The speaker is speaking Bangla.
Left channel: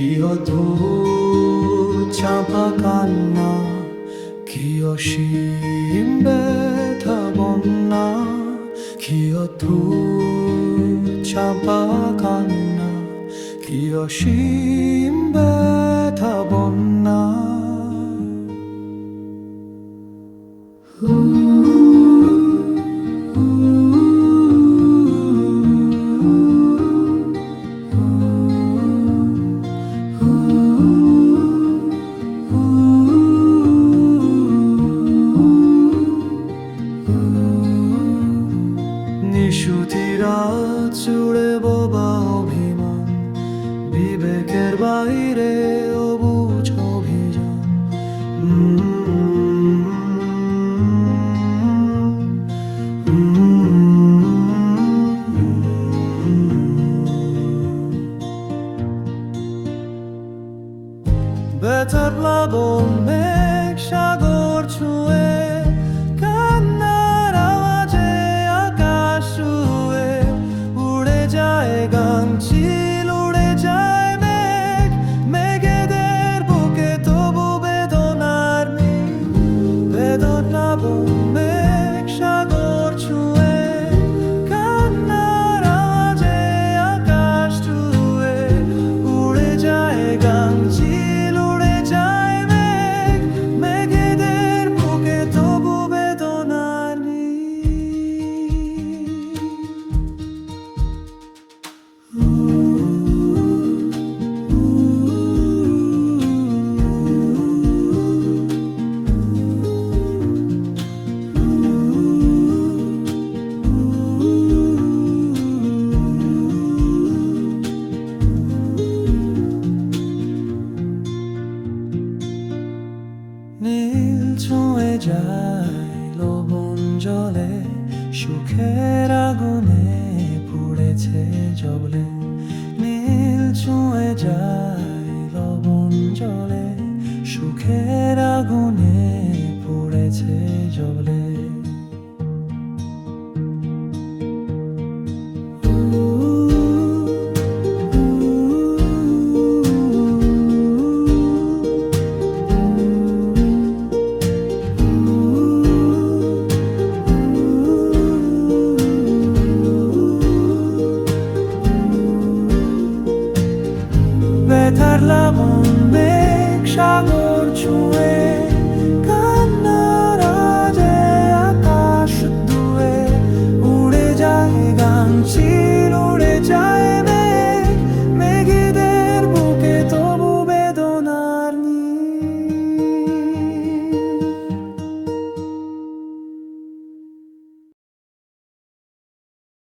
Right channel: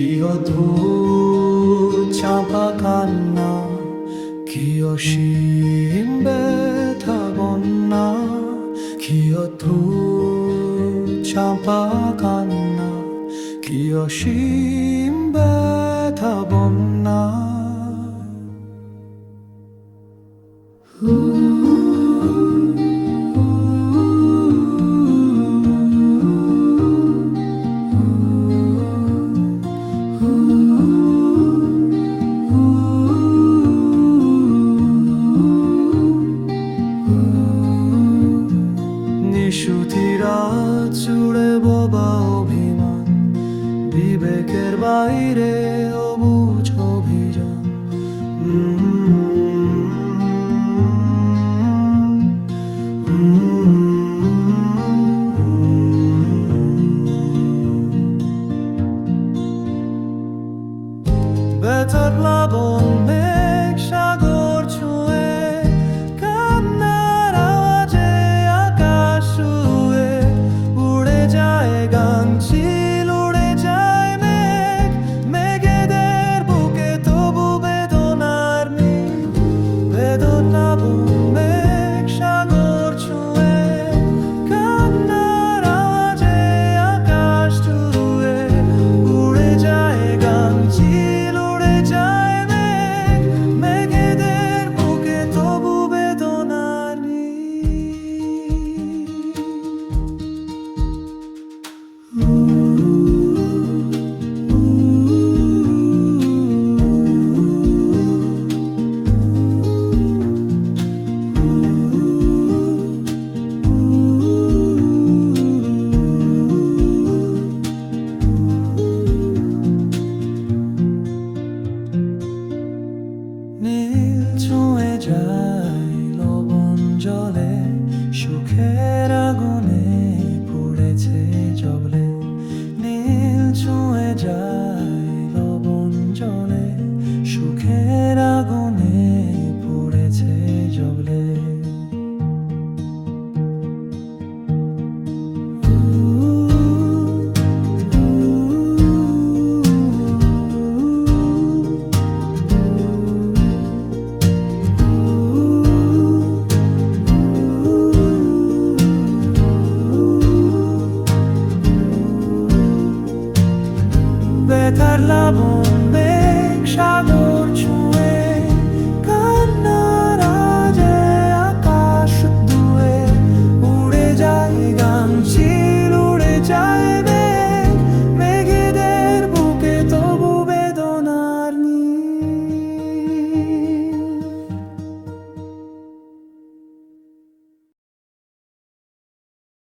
কি অদ্ভুত চাপা কান্না, কি অসীম ব্যথা বন্যা, কি অদ্ভুত চাপা কান্না, কি অসীম ব্যথা বন্যা। নিশুতিরা চুড়ে বোবা অভিমান, বিবেকের বাইরে অবুঝ অভিযান। ব্যথার প্লাবন মেঘ সাগর ছুঁয়ে, কান্নার আওয়াজে আকাশ ছুঁয়ে, উড়ে যায় গাংচিল, উড়ে যায় মেঘ, মেঘেদের বুকে তবু বেদনার নেই। বেদনাবন মেঘ সাগর ছুঁয়ে, কান্নার আওয়াজে আকাশ ছুঁয়ে, উড়ে যায় গাংচিল, নীল ছুঁয়ে যায় লবণ জলে, সুখের আগুনে পুড়েছে জবলে। নীল ছুঁয়ে যায় লবণ জলে, সুখের আগুনে পুড়েছে জবলে। ব্যথার প্লাবন মেঘ সাগর ছুঁয়ে, কান্নার আওয়াজে আকাশ ধুয়ে, উড়ে যায় গাংচিল।